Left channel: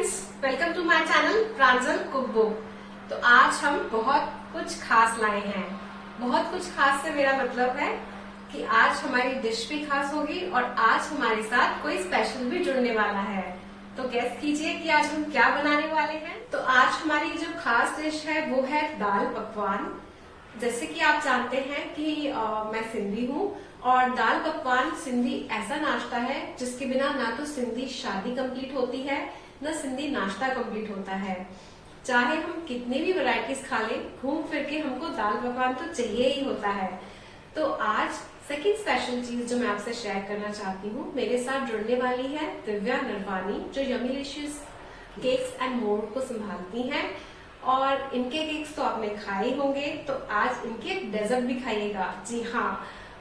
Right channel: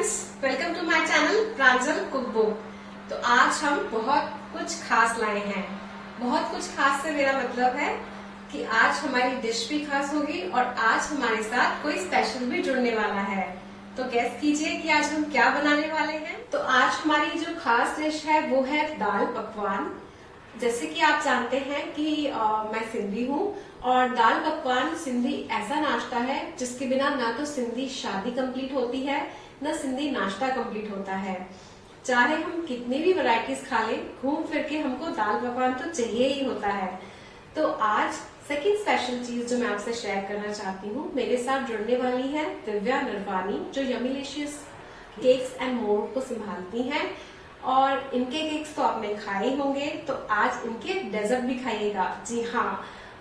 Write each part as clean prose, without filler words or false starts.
Friends, welcome to my channel Pranjal cook book. तो आज हम बहुत कुछ खास लाए हैं। बहुत कुछ खास से मेरा मतलब है कि आज हमारी डिश भी खास होगी और आज हमारे साथ कोई स्पेशल भी जुड़ने वाला है। तो गेस कीजिए कि आज हम क्या बनाने वाले हैं। तो आज हमारी जो खास डिश है वो है दाल पकवान। जैसे कि आप जानते हैं कि मैं सिंधी हूँ और दाल पकवान सिंधी ऐसा नाश्ता है जिसके बिना ना तो सिंधी शादी कंप्लीट होती है न सिंधी नाश्ता कंप्लीट होता है। चाहे हम कितनी भी वैरायटीज खा लें, घूम फिर के हमको दाल पकवान तो चाहिए ही होता है। तो आज सेकंड स्पेशल चीज जो मैं आपसे शेयर करना चाहती हूँ, मेरे साथ जुड़ने वाली है दिव्या नरवानी, जो यम्मीलिशियस केक्स एंड मोर को संभालती हैं। और इनके केक्स तो आपने खाए ही होंगे, तो आज इनके डेजर्ट भी खाइएगा। जी हाँ,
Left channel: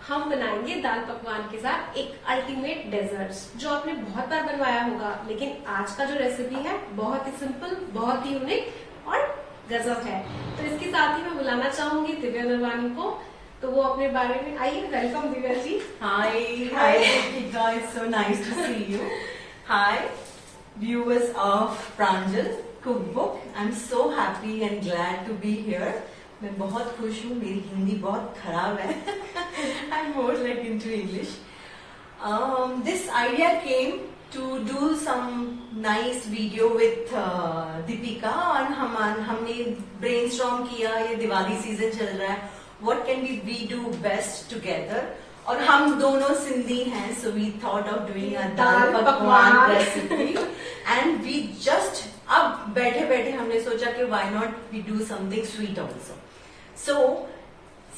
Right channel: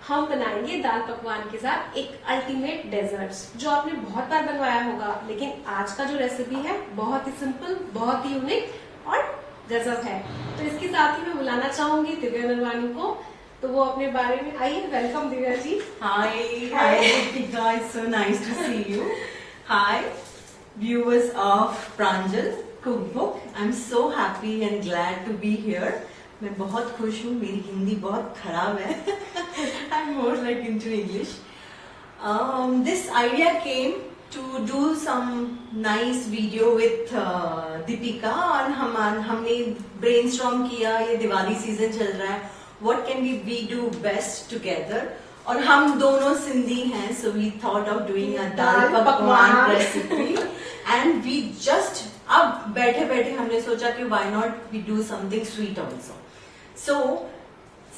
हम बनाएंगे दाल पकवान के साथ एक अल्टीमेट डेजर्ट जो आपने बहुत बार बनवाया होगा, लेकिन आज का जो रेसिपी है बहुत ही सिंपल, बहुत ही यूनिक और गजब है। तो इसके साथ ही मैं बुलाना चाहूंगी दिव्या नरवानी को, तो वो अपने बारे में आइए। Welcome Divya ji. Hi Deepika, it's so nice to see you. Hi viewers of Pranjal Cookbook. I'm so happy and glad to be here. मैं बहुत खुश हूँ। मेरी हिंदी बहुत खराब है। I'm more like into English. This idea came to do some nice video with Deepika और हमने brainstorm किया। ये दिवाली सीजन चल रहा है, what can we do best together? और हम दोनों सिंधी हैं, so we thought of doing a दाल पकवान रेसिपी and we just अब बैठे बैठे हमने सोचा कि why not we do something sweet also. So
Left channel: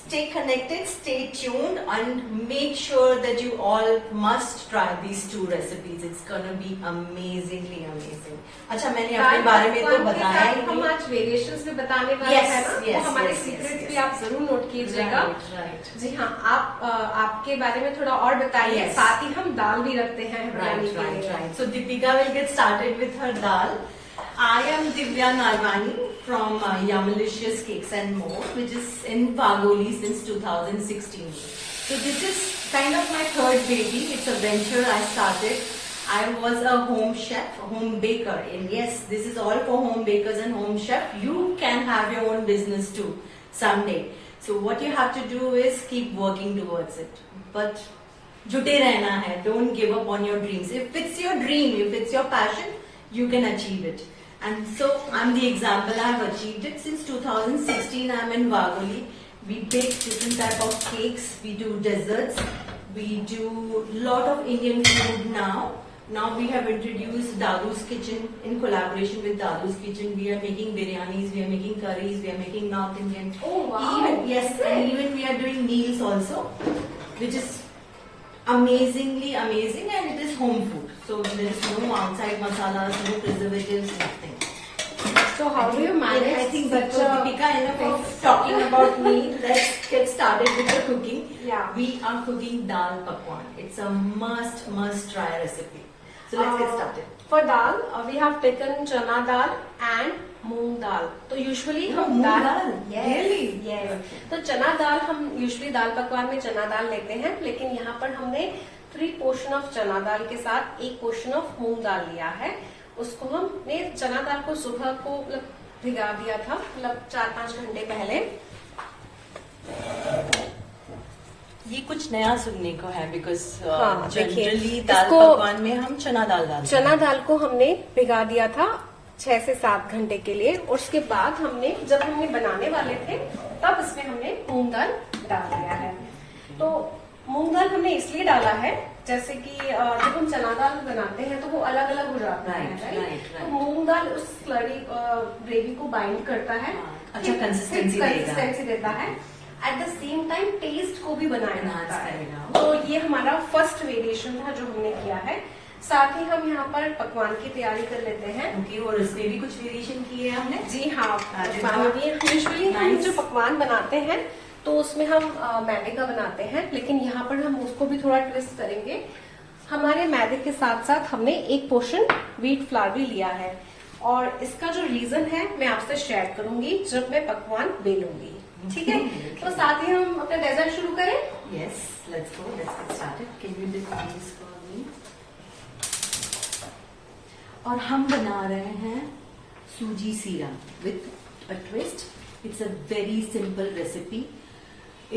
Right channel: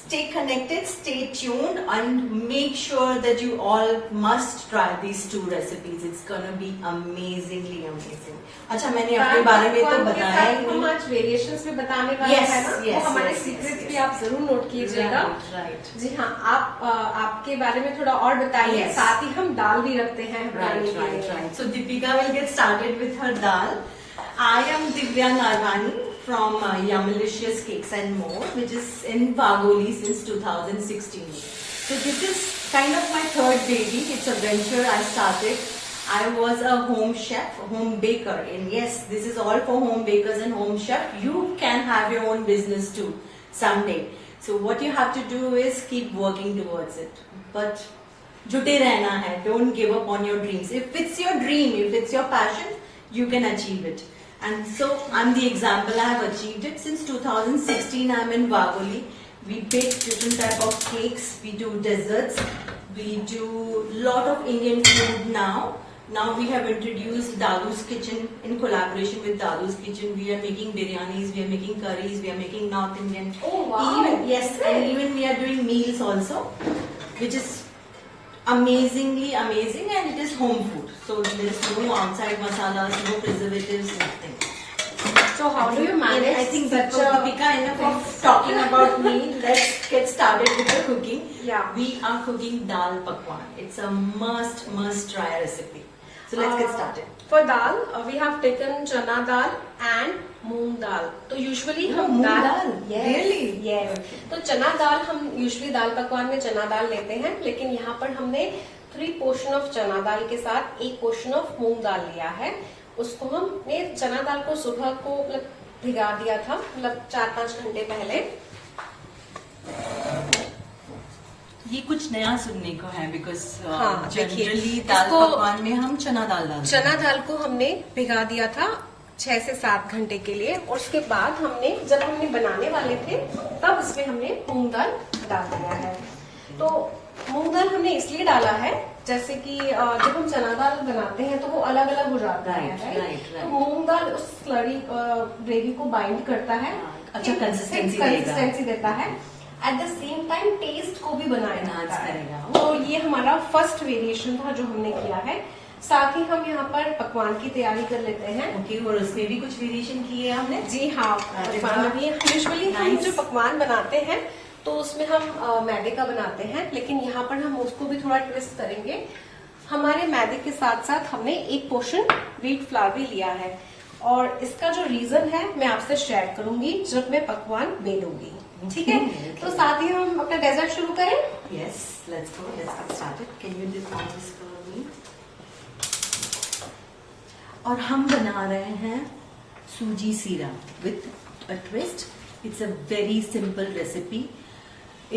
stay connected, stay tuned and make sure that you all must try these two recipes. It's gonna be amazingly amazing. अच्छा, मैंने अपने बारे में तो बताया ही हम नहीं। आज वेरिएशंस भी बताने वाले हैं ना, वो हमारे सीक्रेट्स भी आप जरूर नोट कीजिएगा। Right. जी हाँ, आप आपके बारे में थोड़ा और बताइए। Yes. साथ ही हम दाल भी रखते हैं बनाने के लिए। Right. So Deepika will get started with her dal. I am Divya Narwani from Yummalicious Cakes and More, which is in Vagoli since 2016. So this is kind of my third baby. It's a venture I started. I was a home chef, home baker, and yes, this is all for home bakers and home chef. You can have your own business too someday. So what you have to do is keep working towards it. But जुटे रहना है. Don't give up on your dreams. If it's your dream, if it's your passion, you can achieve it. And so I'm the example. I have achieved it since 2016. I'm in Vagoli. We bake different type of cakes. We do desserts. We do lot of Indian food now. Now we have introduced Dadu's Kitchen in collaboration with Dadu's Kitchen. We are making biryanis, we are making curries, we are making North Indian. Oh wow! Yes, and even we are doing meals also, which is amazingly amazing, and it is home food. So there is no outside masalas, no preservatives, nothing. So how do you manage? I think such that a Deepika, enough of talking about me. Let's get started with the cooking. Yeah. We are cooking dal pakwan. It's a must try recipe. So let's get started. For dal, we have taken chana dal and मूंग दाल। तो usually हम मूंग दाल, दाल? Really? yes. तो चना दाल हम usually दाल पकवान में चना दाल लेते हैं, लेकिन यहाँ पर हमने 3 पोर्शन ऑफ चना दाल के साथ 1 पोर्शन ऑफ मूंग दाल लिया है। उसको हमने चना दाल को सुबह को मतलब भिगा दिया था, मतलब 4-5 घंटे पहले। ये कुछ नया सुनने को है, बिकॉज हाँ, जनरली दाल इसको- पकवान में हम चना दाल डालते हैं। चना दाल को हमने भिगा दिया था 6 से 7 घंटे के लिए, और उसके बाद जब हमने बनाने वाले थे तब इसमें हमने मूंग दाल डाल दिया है। तो मूंग दाल हमने इसलिए डाला है, जैसे कि जब हम चना दाल बनाते हैं तो वो अलग अलग हो जाता है, Right. तो मूंग दाल उस स्लरी ग्रेवी को बाइंड करता है, अच्छा कंसिस्टेंसी देता है। At the same time taste को भी बनाया Enhance जाता है। करेगा। तो ये हमारा फर्स्ट वेरिएशन था जो हमने किया है। साथ ही हम यहाँ पर पकवान की तैयारी कर लेते हैं। ओके, और उसमें भी कुछ वेरिएशन किए हमने। जी हाँ, अरे पकवान वाह। भी यूजुअली हम Nice. जो पकवान बनाते हैं तो उसमें हम मैदे का बनाते हैं, लेकिन यहाँ पर हम उसको भी थोड़ा ट्विस्ट करेंगे। हमारे मैदे के साथ साथ हमने 1 पोर्शन व्हीट फ्लावर भी लिया है, और इसका जो रीजन है मैं आपसे शेयर करूंगी जब मैं पकवान बेलूंगी। ठीक है? Okay. तो साथ ही हम अपना डेजर्ट शुरू करें। Yes, let's go. Let's get started. Can you define this for me? और हम बना रहे हैं सूजी सीरा with a twist. It's a very simple recipe.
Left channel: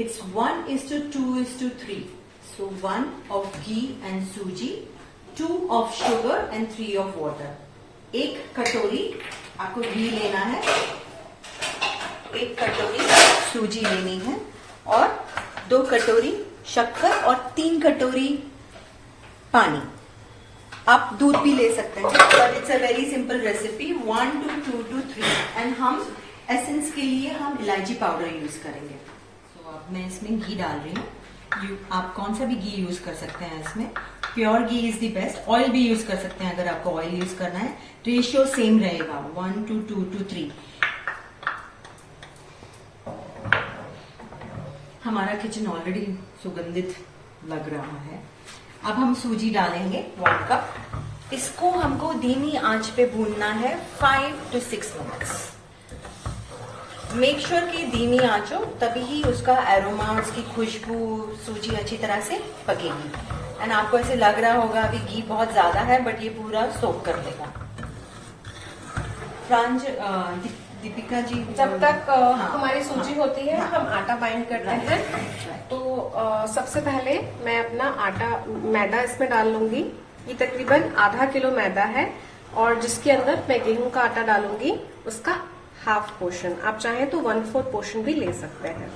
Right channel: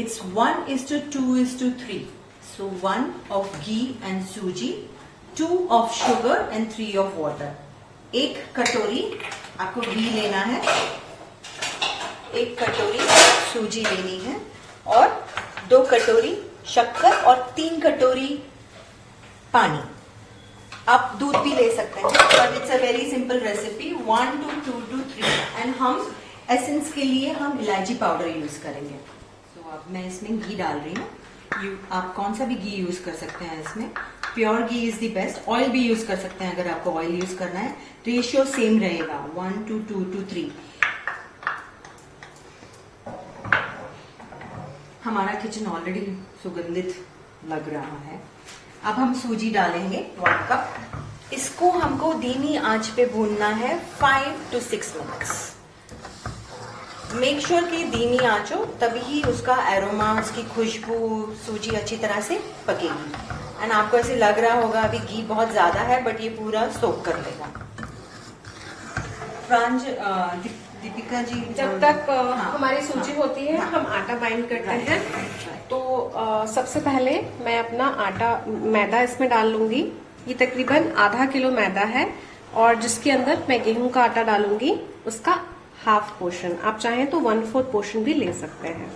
It's 1:2:3. So 1 of ghee and suji, 2 of sugar and 3 of water. 1 कटोरी आपको घी लेना है, 1 कटोरी सूजी लेनी है और 2 कटोरी शक्कर और 3 कटोरी पानी. आप दूध भी ले सकते हैं, but it's a very simple recipe. 1:2:3 and हम एसेंस के लिए हम इलायची पाउडर यूज करेंगे. अब मैं इसमें घी डाल रही हूँ. आप कौन सा भी घी यूज कर सकते हैं इसमें. Pure ghee is the best. Oil भी यूज कर सकते हैं अगर आपको ऑयल यूज करना है. रेशियो सेम रहेगा 1:2:3. हमारा किचन ऑलरेडी सुगंधित लग रहा है. अब हम सूजी डालेंगे 1 कप. इसको हमको धीमी आंच पे भूनना है 5 to 6 मिनट्स. मेक श्योर कि धीमी आंच हो, तभी ही उसका एरोमा, उसकी खुशबू, सूजी अच्छी तरह से पकेगी. एंड आपको ऐसे लग रहा होगा अभी घी बहुत ज्यादा है, बट ये पूरा सोक कर लेगा. दीपिका जी, जब तक हमारी सूजी होती है हम आटा बाइंड करते हैं. तो सबसे पहले मैं अपना मैदा इसमें डाल लूंगी. ये तकरीबन आधा किलो मैदा है और जिसके अंदर मैं गेहूं का आटा डालूंगी उसका हाफ पोर्शन. आप चाहें तो 1/4 पोर्शन भी ले सकते हैं.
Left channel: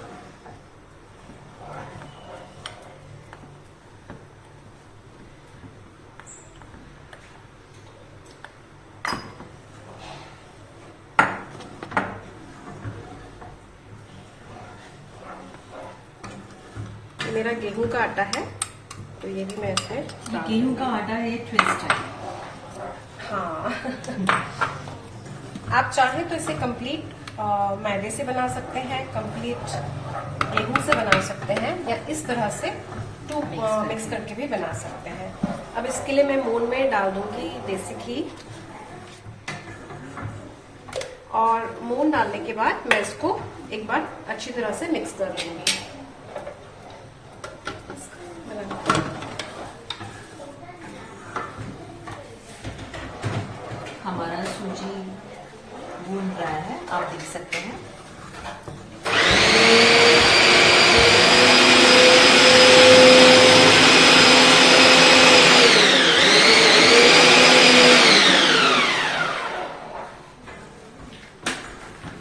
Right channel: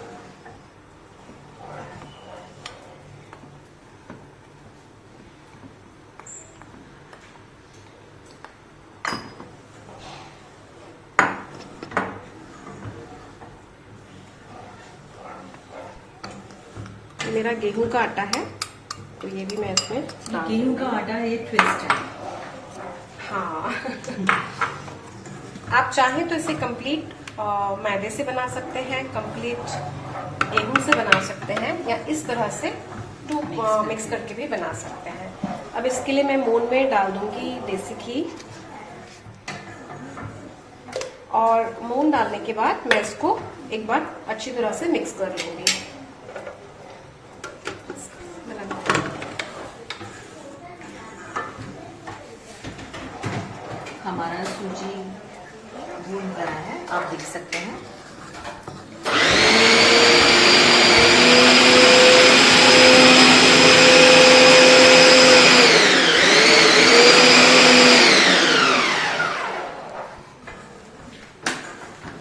ये मेरा गेहूं का आटा है, तो ये भी मैं इसमें गेहूं का आटा एक ट्विस्ट है. हाँ. आप चाहें तो इसे कंप्लीट मैदे से बना सकते हैं, कंप्लीट गेहूं से बना सकते हैं, या इस तरह से मिक्स करके भी बना सकते हैं. अब इसके लिए मैं मून में डाल दूंगी देसी घी. और मून डालने के बाद मैं इसको एक बार अच्छी तरह से मिक्स कर दूंगी. हमारा सूजी भून रहा है, आप देख सकते हैं.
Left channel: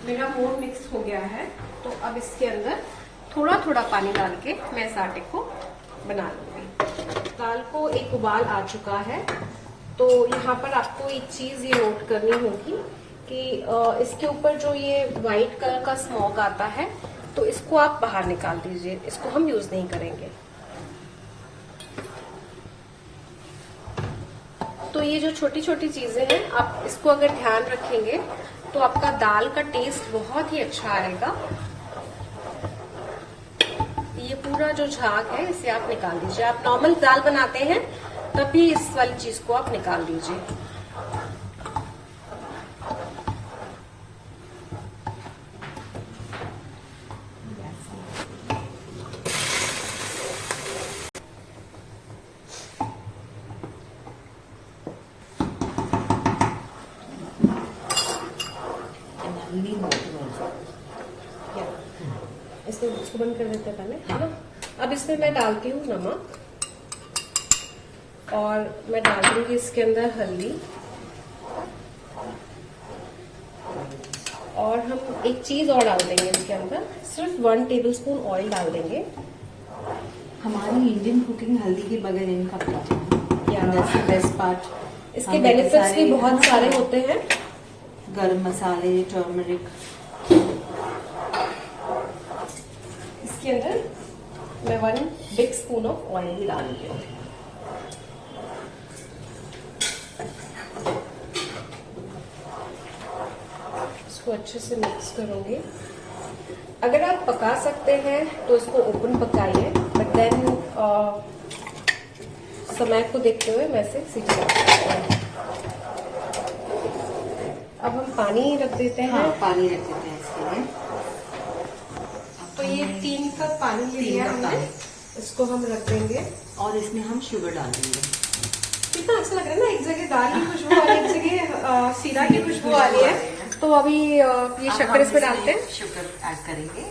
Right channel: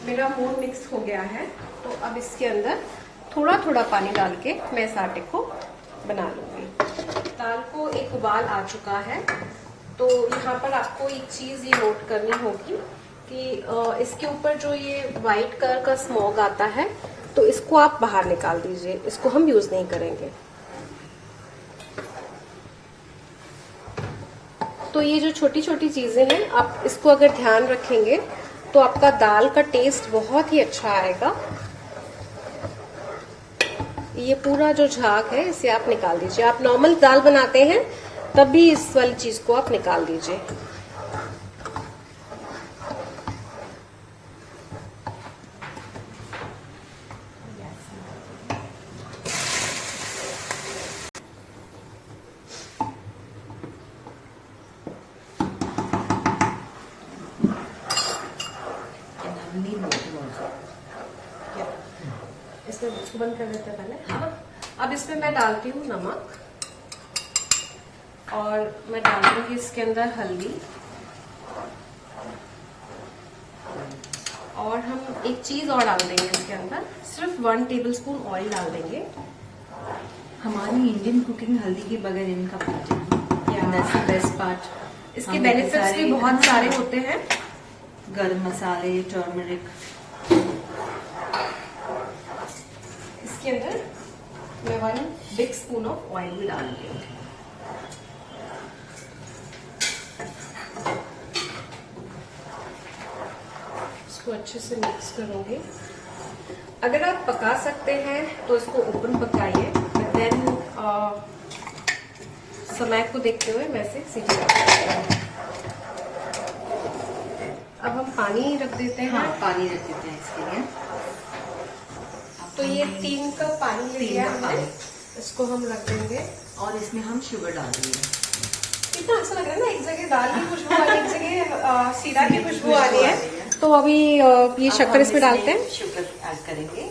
मेरा मून मिक्स हो गया है, तो अब इसके अंदर थोड़ा थोड़ा पानी डाल के मैं इस आटे को बना लूंगी. दाल को एक उबाल आ चुका है, तो यहाँ पर आपको एक चीज ये नोट करनी होगी कि इसके ऊपर जो ये व्हाइट कलर का स्मोक आता है, तो इसको आप बाहर निकाल दीजिए. इसको हम यूज नहीं करेंगे. तो ये जो छोटी छोटी चीजें हैं, आप इसको अगर ध्यान रखेंगे तो आपका दाल का टेस्ट बहुत ही अच्छा आएगा. ये पूरा जो झाग है इसे आप निकाल दीजिए. आप नॉर्मल दाल बनाते हैं तब भी इस वाली चीज को आप निकाल दीजिए. इसको बंद कर देते हैं पहले. हाँ. अब इसमें मैं डालती हूँ नमक और मैं डाल दूंगी इसके अंदर हल्दी. और हम एक चीज और डाल देंगे इसके अंदर, सिर्फ 1 टेबलस्पून ऑयल डाल देंगे. हमारी इंडियन कुकिंग हल्दी के बगैर इनकम्प्लीट है. That's the best part. इसके बेनिफिट्स भी बहुत सारे होते हैं. गरम मसाले, टर्मरिक. इसके अंदर मैं 1 बिग स्पून ऑफ ऑयल भी डाल रही हूँ. इसको अच्छे से मिक्स करोगे. अगर आप पका सकते हैं तो इसको ओपन पकाइए, बट देन समय को देखते हुए मैं इसे सीटी लगाती हूँ. अब हम पानी रख देते हैं. हाँ, पानी रख देते हैं इसके लिए. तो ये 3 कप पानी लिया हमने, इसको हम रख देंगे और इसमें हम शुगर डाल देंगे. कितना अच्छा लग रहा है ना. एक जगह दाल की खुशबू आ रही है, एक जगह सीरा की खुशबू आ रही है। तो अभी ये शक्कर इसमें डालते हैं। शुगर ऐड करेंगे।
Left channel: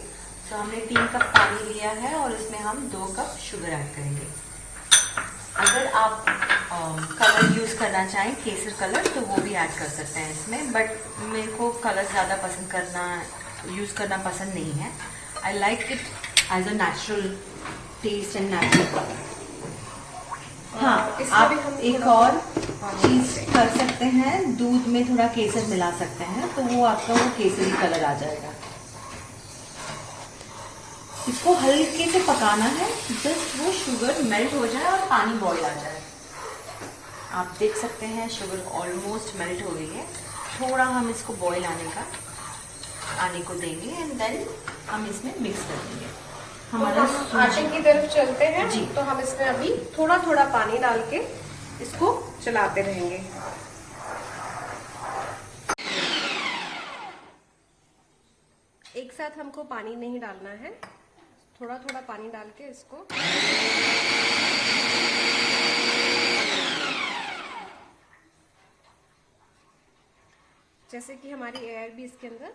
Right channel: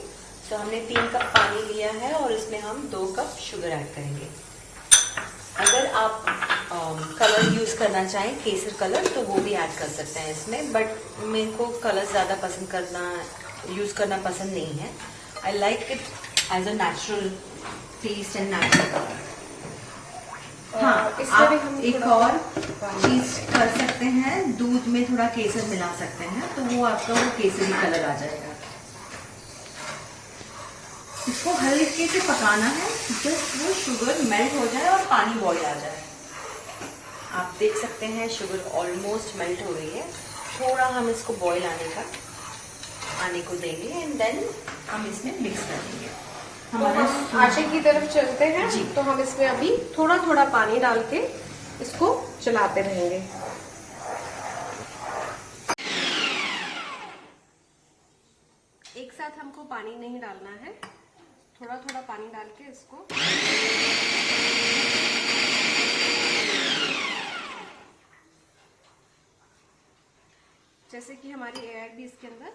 तो हमने 3 कप पानी लिया है और इसमें हम 2 कप शुगर ऐड करेंगे। अगर आप कलर यूज करना चाहें, केसर कलर, तो वो भी ऐड कर सकते हैं इसमें, बट मेरे को कलर ज्यादा यूज करना पसंद नहीं है। I like it as a natural taste and natural colour. हाँ, आप एक और चीज कर सकते हैं, दूध में थोड़ा केसर मिला सकते हैं, तो वो आपका वो केसरी कलर आ जाएगा। इसको हल्के से पकाना है, जस्ट वो शुगर मेल्ट हो जाए और पानी बॉईल आ जाए। आप देख सकते हैं शुगर ऑलमोस्ट मेल्ट हो गई है। थोड़ा हम इसको बॉईल आने को देंगे एंड देन हम इसमें मिक्स कर देंगे। हमारा आटे की तरफ चलते हैं जी। तो हम इसमें अभी थोड़ा थोड़ा पानी डाल के इसको चलाते रहेंगे। एक साथ हमको पानी नहीं डालना है, थोड़ा थोड़ा पानी डाल के इसको जैसे कि हमारी एयर भी इसके अंदर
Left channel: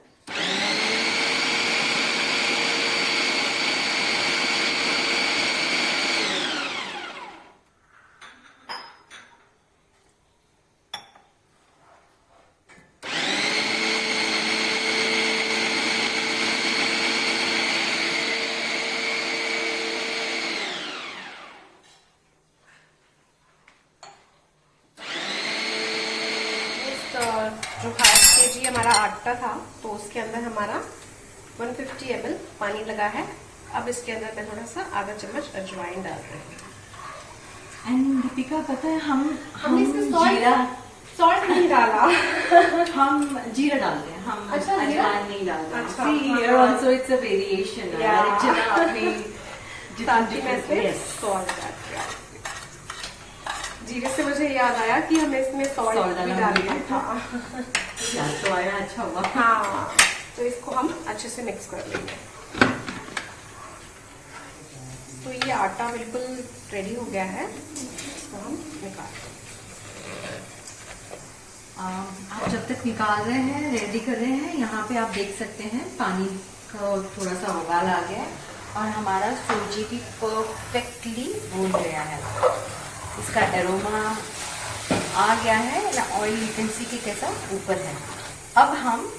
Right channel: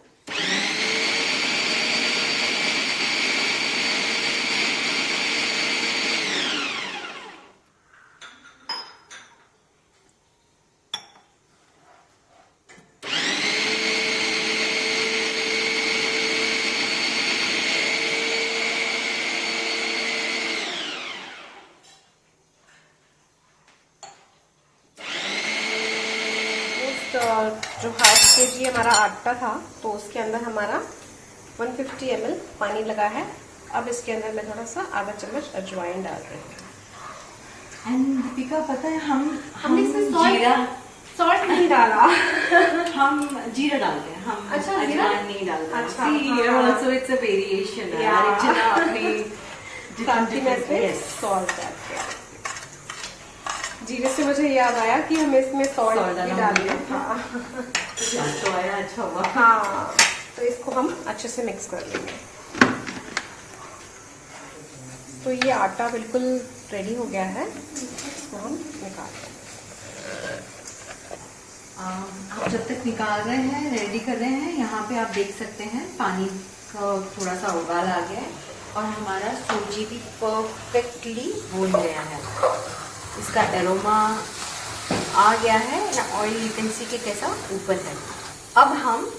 जो 1/2 kg हमारा आटा था, तो उसके अंदर हमारा 150 ml पानी लगा है। अब इसके अंदर मैं थोड़ा सा आधा चम्मच अजवाइन डाल रही हूँ। एंड दीपिका, पता है हमने इसमें जीरा सॉल्ट नहीं डाला। हम जीरा डालते हैं, हम अच्छा, जीरा? अजवाइन नहीं डालते हैं। अच्छा, See, here हाँ। also it's a variation है। Yeah. हर एक जगह अपनी क्रांति में yes. सॉल्ट ऐड किया। जीरे से मुझे याद आया कि हमें इसमें सॉल्ट Salt भी डालना डालना होगा। था। याद तो आया, अच्छा हुआ। हाँ, तो इसको हम अच्छे से मिक्स कर लेंगे। तो ये आटा बिल्कुल रेडी हो गया है, इसको हम निकालते हैं। आप जब तक निकाल रहे हैं, रेडी कर रहे हैं, यहाँ पे आप देख सकते हैं पानी का थोड़ा सा उबाल आ गया है और हमारा सूजी भी परफेक्टली भून गया है। इसका एरोमा आ गया है, या ऑयल यू कैन सी के कैसा ऊपर है। अब हम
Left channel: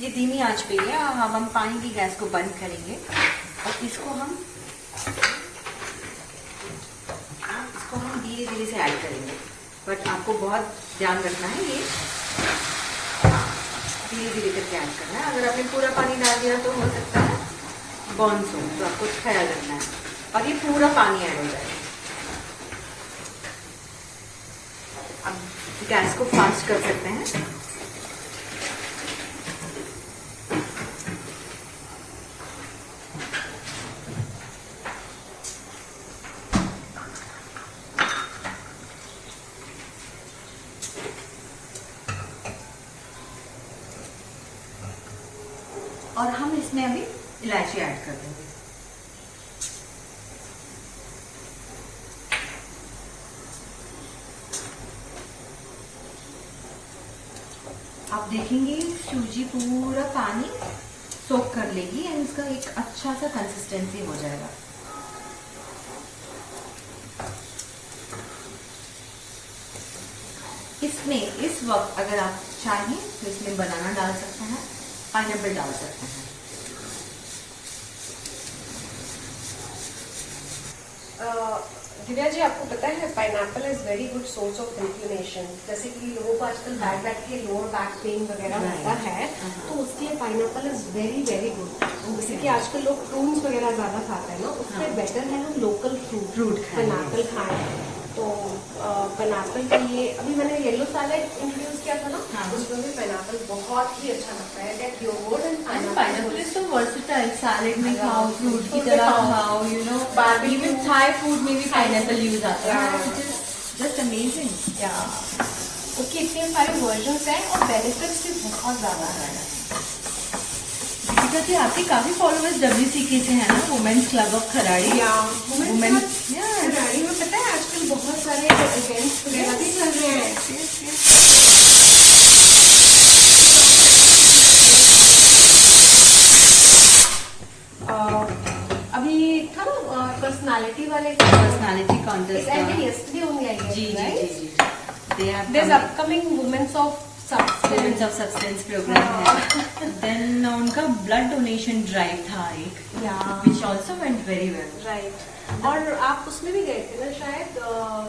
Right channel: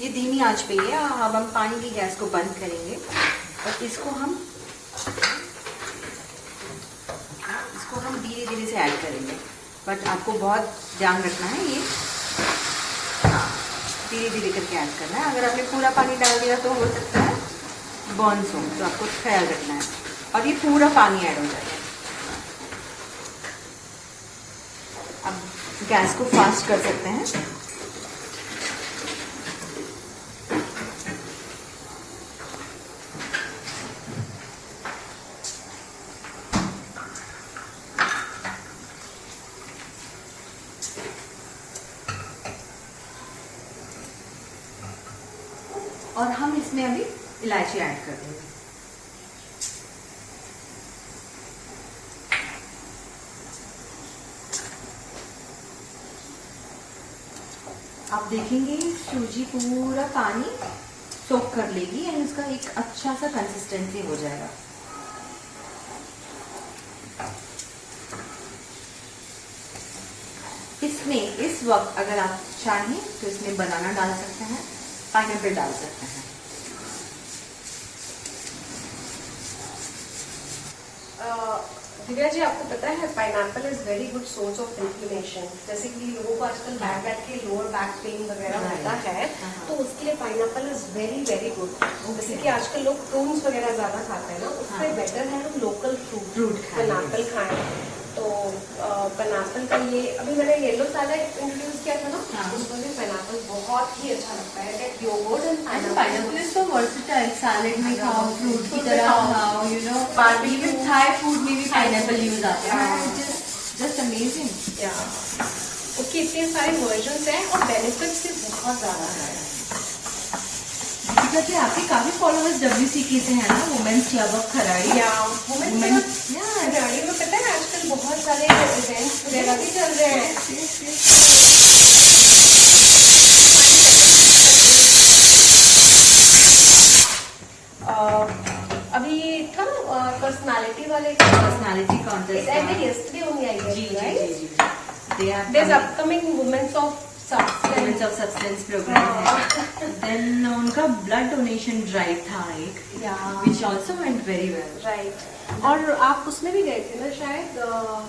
ये धीमी आंच पे है, अब हम पानी की गैस को बंद करेंगे और इसको हम धीरे धीरे से ऐड करेंगे। बट आपको बहुत ध्यान रखना है, ये धीरे धीरे करके ऐड करना है। अगर आपने पूरा पानी डाल दिया तो हो सकता है बर्न्स हो, तो आपको ख्याल रखना है। और ये पूरा पानी ऐड हो जाएगा। अब गैस को फास्ट कर सकते हैं। और हम इसमें अभी इलायची ऐड कर देंगे। आप देखेंगे सूजी पूरा पानी सोक कर लेगी एंड इसका एक अच्छा सा कंसिस्टेंसी हो जाएगा। इसमें इस वक्त अगर आप चाहें तो इसमें बनाना डाल सकते हैं, पाइनएप्पल डाल सकते हैं। दिव्या जी, आपको पता है pineapple is very good source of inflammation. जैसे कि लोगों को आजकल बैक के लोअर बैक पेन वगैरह होता है, तो उसके लिए pineapple is very very good. जैसे कि आजकल लोग फ्रूट्स वगैरह ज्यादा खाते हैं ना, उससे बेटर है हम लोकल फ्रूट पाइनएप्पल खाएं। तो पाइनएप्पल का ये अभी मैंने येलो सैलेड इंट्रोड्यूस किया था ना, उसमें भी पाइनएप्पल बहुत ही अच्छा लगता है। Like yogurt and pineapple is so versatile, salad में खाओ, फ्रूट की तरह खाओ, you know, even Thai food में भी पाइनएप्पल यूज आता है। Just amazing. उसके इतने सारे वर्जन्स हैं और बेनिफिट्स भी बहुत ज्यादा है। दीपिका जी, आपके काफी फॉलोअर्स WCK से हैं ना, women's club of Kharadi. Women's Kharadi में पता है आजकल बहुत सारे इवेंट्स वगैरह भी चल रहे हैं। पर्सनालिटी वाले personality It contest ended yesterday only, I guess, जी जी right? जी जी they are There's upcoming Women's of Women's Substance. of Substance program है. देन उनका ब्लड डोनेशन ड्राइव था एक, Yeah. which also went very well. Right. और आप उसमें भी गए थे ना शायद?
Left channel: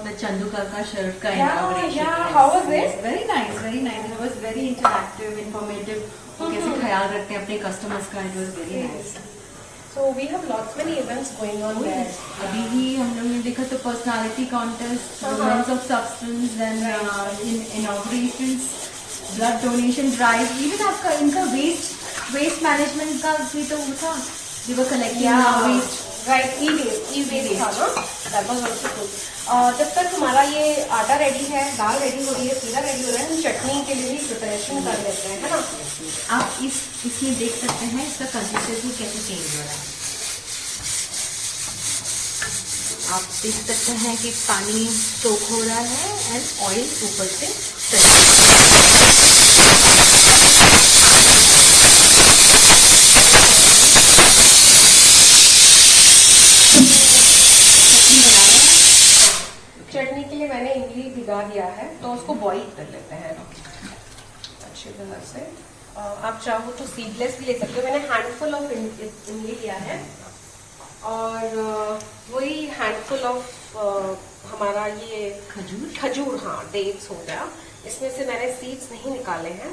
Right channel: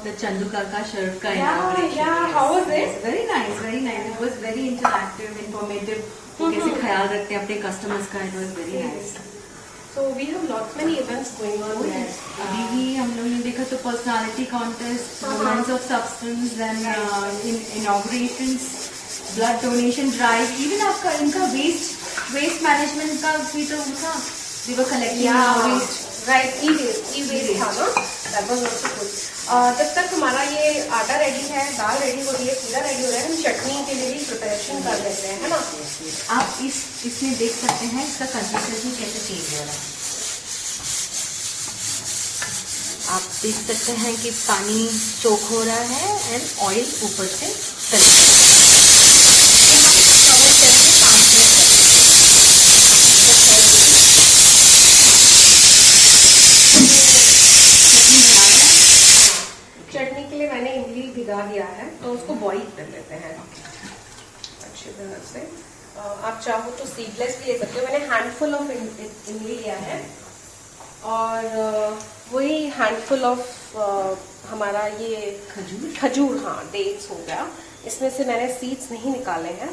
मैं चंदू काका शर्ट का Yeah, inauguration. yeah. How was it? Very nice, very nice. It was very interactive, informative. वो कैसे ख्याल रखते हैं अपने कस्टमर्स का, it was very nice. So we have lots many events going on there. अभी ही हम लोग ने देखा तो personality contest, women's of substance, then inaugurations, blood donation drive, even आपका इनका वेस्ट मैनेजमेंट का भी तो वो था, we were collecting waste. Right, e-waste था ना? That was also good. जब तक हमारा ये आटा रेडी है, दाल रेडी हो रही है, सीरा रेडी हो रहा है, हम चटनी के लिए भी प्रिपरेशन कर लेते हैं, है ना? आप इसमें देख सकते हैं इसका कंसिस्टेंसी कैसे चेंज हो रहा है. आप देख सकते हैं कि पानी सोख हो रहा है एंड ऑयल ऊपर से चटनी के लिए मैंने इमली भिगा दिया है, तो उसको बॉईल कर लेते हैं अच्छी तरह से. आप चाहो तो सीडलेस भी ले सकते हो. मैंने हैंडफुल ऑफ इमली लिया है और वही हैंडफुल ऑफ हमारा ये खजूर, हाँ, डेट्स हो गया. इसमें से मैंने सीड्स नहीं निकाले हैं.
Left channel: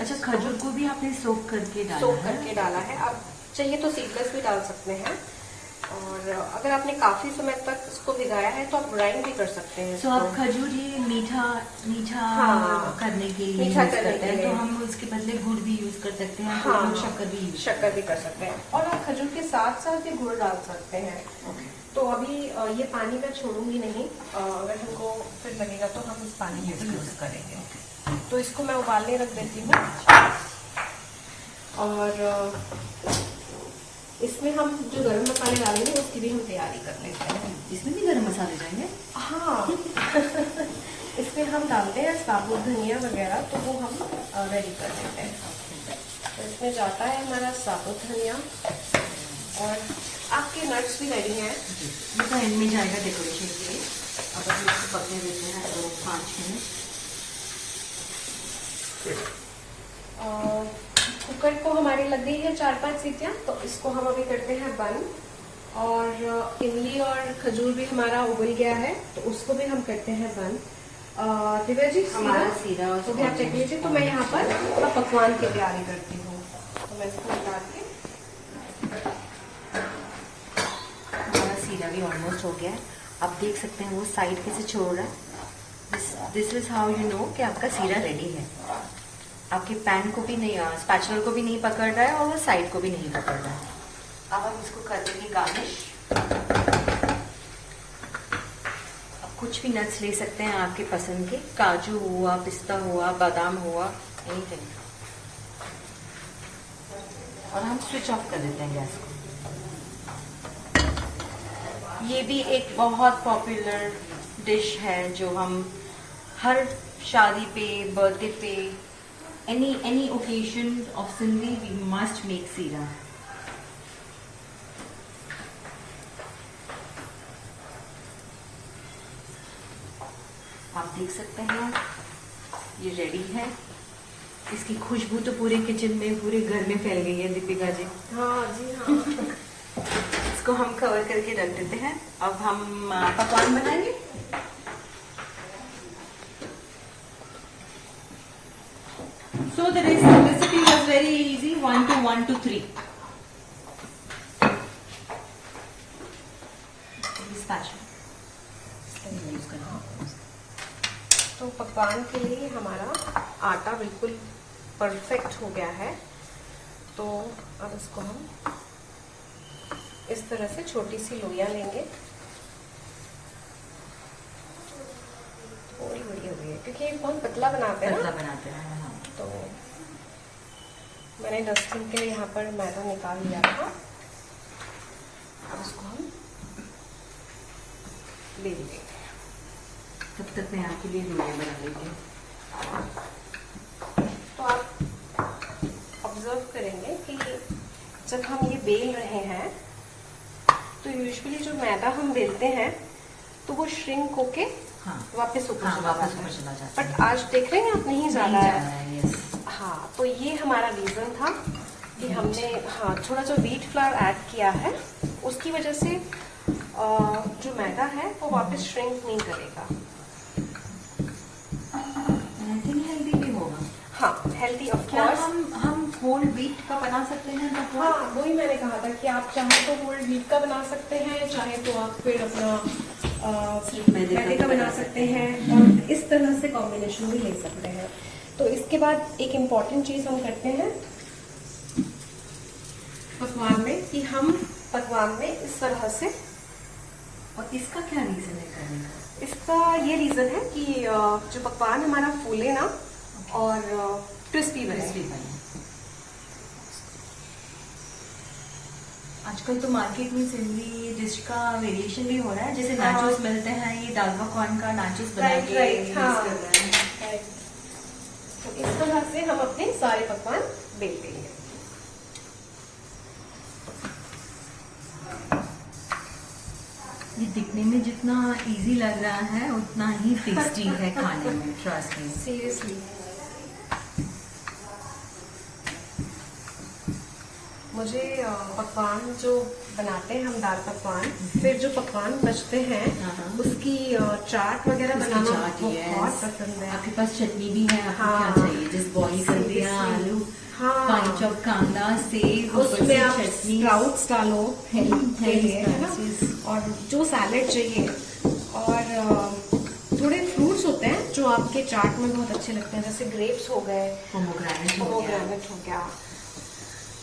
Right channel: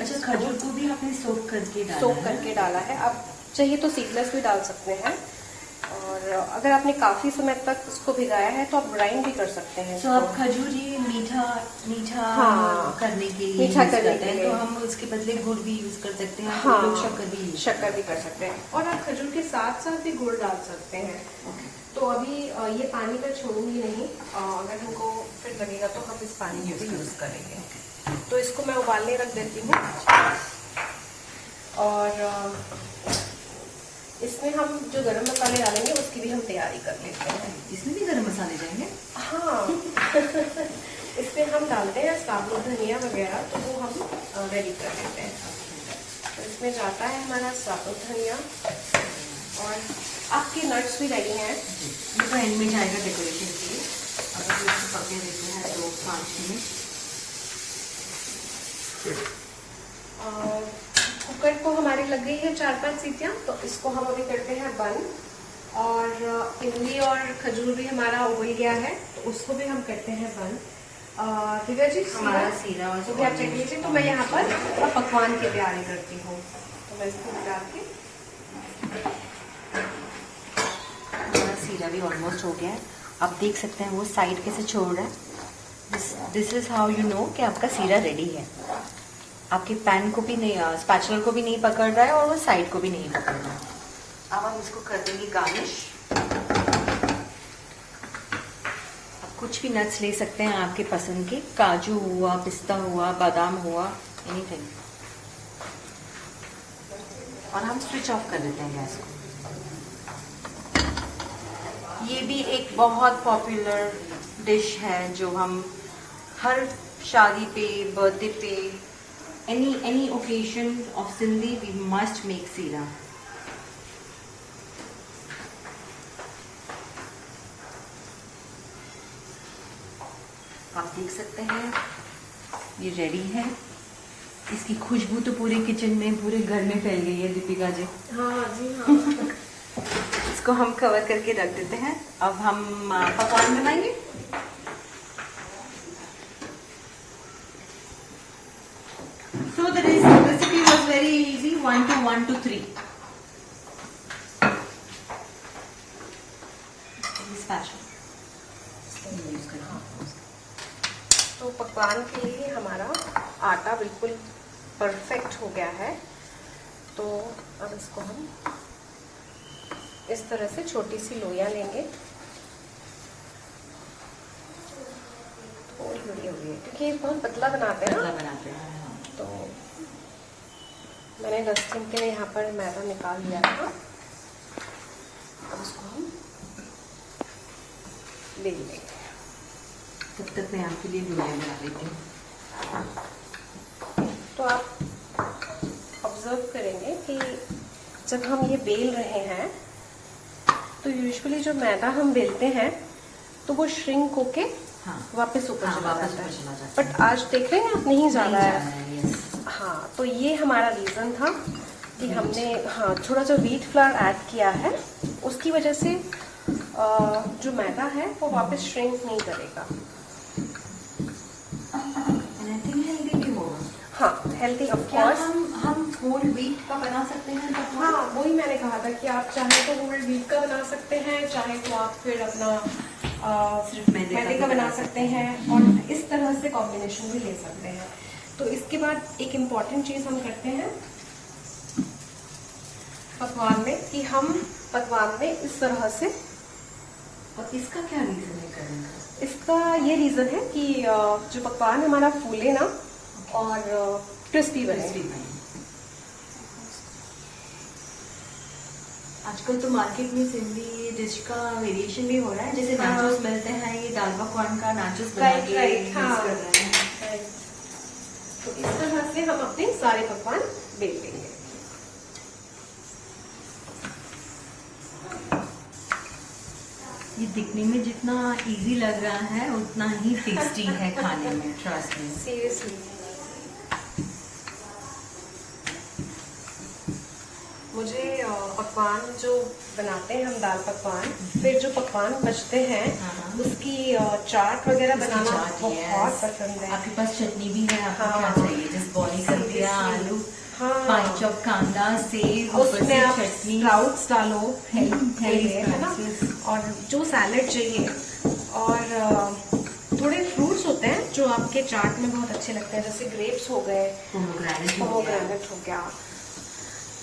अच्छा, खजूर को भी आपने सोख करके डाला सोख है? करके डाला है. आप चाहिए तो सीडलेस भी डाल सकते हैं, और अगर आपने काफी समय तक इसको भिगाया है तो आप ग्राइंड भी कर सकते हैं. तो आप खजूर ये मीठा हाँ, करने के लिए मीठा यूज करने करते के हैं, लिए. तो हम उसके बदले गुड़ भी यूज कर सकते हैं. हाँ, लोग शक्कर भी कर सकते हैं, और आप खजूर के साथ साथ भी गुड़ डाल सकते हैं. तो अभी ये पानी मैं छोड़ूंगी नहीं. अगर हमको फिर लगेगा तो हम इस पानी को यूज करेंगे. तो इसको मैं उबालने रख देती हूँ, और इसमें हम जो गरम मसाले डालेंगे उसकी भी हम तैयारी कर लेते हैं. इसमें भी गरम मसाले जाएंगे? हाँ. इसमें हम डालते हैं साबुत धनिया वगैरह, तो वो हम रेडी कर लेते हैं. तो इसमें जाता है हमारा साबुत धनिया, और आपके नट्स भी रेडी हैं. ये तो एंड में जाएगा डेकोरेशन के लिए. अगर इसको पकने देते हैं तो 5 मिनट. कुकर को हमारी लग गई है 4-5 सीटियां, तो इसको हम अभी करते हैं बंद. और इमली और खजूर भी हमारा उबल गया है, तो उसको भी हम करते हैं बंद. दिव्या जी, हमारा सीरा और तो आप चेक लीजिए. तो मैं यहाँ पर पकवान की तैयारी करती हूँ. तो मैं इसको डाल के, हमारा सीरा भी ऑलमोस्ट हो गया है. आप देख सकते हैं वो साइड कैसे छोड़ रहा है. This is how you know कि आपका सीरा रेडी है. आपके पैन को भी नहीं, स्पैचुलर को भी नहीं पकड़ रहा है, और वो साइड को भी नहीं पकड़ रहा है. अब हम इसको कर देंगे गार्निश. आप कुछ भी नट्स ले सकते हैं आपके पसंद के, काजू हुआ, पिस्ता हुआ, बादाम हुआ, एनीथिंग. और हम स्विच ऑफ कर देते हैं गैस को. ये भी एक बहुत पॉपुलर डिश है जो हम हर शादी पे, बर्थडे पे, any occasion of Sindhi we must make seera. आप देख सकते हैं ये रेडी है. इसकी खुशबू तो पूरे किचन में, पूरे घर में फैल गई है दीपिका जी. हाँ जी, हाँ. इसको हम कवर करके रख देते हैं. अब हम पकवान बनाएंगे. So the recipe was very easy. 1 to 1 to 3. तो पकवान के लिए हमारा आटा बिल्कुल परफेक्ट हो गया है. तो अब इसको हम इस तरह से छोटी सी लोइयां लेंगे. थोड़ी बड़ी हो गई है क्योंकि ये बहुत पतला बनाते हैं ना. तो मैंने 10 दिन के लिए यहाँ पर मैदा निकाल लिया था. अब इसको हम ले लेंगे. तब तक मैं आपके लिए रोटियां बना लेती हूँ. तो आप ऑब्जर्व करेंगे कि जब हम ये बेल रहे हैं तो यूजुअली जो मैदा हम बेलते हैं तो वो श्रिंक होके हाँ वापस ऊपर हाँ, चला वापस जाता ऊपर है। चला जाता है। बट आज देख रहे हैं आप नहीं जा रहा है। yes। हाँ, तो ये हमारा रीजन था कि हमने हाँ थोड़ा जो व्हीट फ्लावर ऐड किया है उसकी वजह से जो मैदा है वो वापस श्रिंक नहीं करेगा। हेल्दी भी होगा। हाँ, हेल्दी ऑफ क्या कोर्स। हम होल व्हीट का बना सकते हैं पकवान? हाँ, वही मैंने कहा था कि आप चाहे तो होल व्हीट का बना सकते हैं, चाहे तो आप फिर अपना सिर्फ मैदे का बना सकते हैं और इस तरह से कॉम्बिनेशन भी ले सकते हैं। तो इसके बाद एक इम्पॉर्टेंट चीज हम करते हैं पकवान में कि हम पकवान में इस तरह से, और इसका क्या रीजन है करने का? इसका ये रीजन है कि जो पकवान हमारा फूले ना और क्रिस्पी बने। आजकल तो मार्केट में सिंधी डिश का वेरिएशन भी हो रहा है, जैसे हाँ। नाचोस मिलते हैं, ये दाल पकवान का नाचोस बना Right, के right, यूज हाँ। कर रहे हैं। तो इस तरह से हम अपने सारे पकवान बेल लेंगे। ये दिखने में जितना इजी लग रहा है उतना ही टेस्टी है खाने में, ट्रस्ट मी। सीरियसली मुझे पकवान जो बनाते हैं हम दाल पकवान, फिर जो पकवान बचते हैं हाँ। उसकी चाट वगैरह उसकी बनाना चाट, बहुत yes। पसंद है। आपके पास चटनी भी है, आपको हाँ। क्या चाहिए? जिस बॉईल कर दिया Seriously। आलू, हाँ। फाइन चॉप कांदा, सेब, ऊपर उसमें से आप चटनी, स्प्राउट्स डालो, Healthy है ना? sprouts। और जो सैलेड चाहिए और थोड़े फ्रूट्स होते हैं जो आपके चाट में बहुत अच्छे लगते हैं, जैसे ग्रेप्स हो गए, पोमोग्रेनेट हो गया। पोमोग्रेनेट हो गया।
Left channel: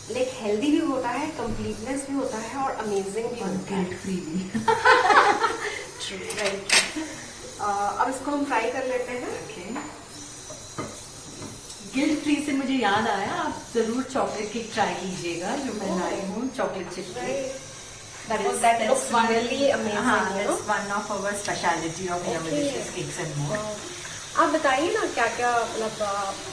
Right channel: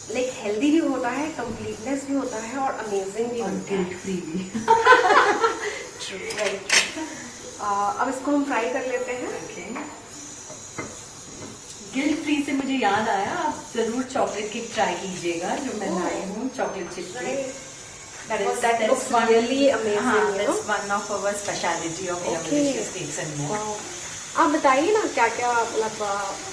लाइक हेल्दी भी होता है, कंप्लीटनेस भी होता है और अमेजिंग भी और होता है। गिल्ट फ्री भी। True, right। अब इसको हम फ्राई कर लेते हैं। गिल्ट फ्री से मुझे याद आया, आप जरूर चॉकलेट केक ट्राई कीजिएगा जो मैं लाई हूँ, chocolate chip cake. That looks really amazing, हाँ, you know? that's one of our specialty of Delicious Cakes and More। आप बताइए ना क्या क्या मतलब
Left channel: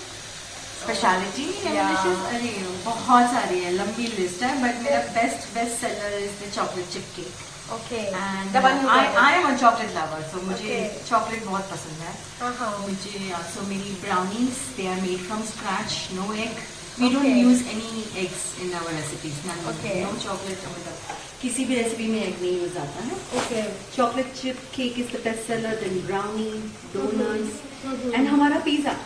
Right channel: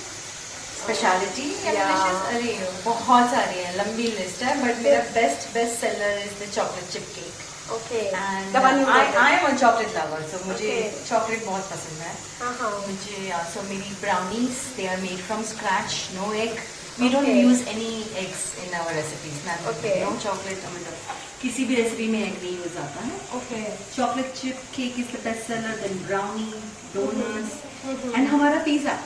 स्पेशलिटी Yeah। अरे बहुत सारी है, लंबी लिस्ट है, बट मेरा best seller is the chocolate chip cake. Okay and the one you get it। I am a chocolate lover, so मुझे Okay। चॉकलेट बहुत पसंद है। हाँ। मुझे सो मेरी brownies they are made from scratch, no egg, we don't Okay। Use any eggs in our recipes, Okay। No chocolate, किसी भी recipe में एग नहीं यूज आता है। Okay chocolate chip cake is the best seller, then brownie, donuts Mhm। And हमारा pizza.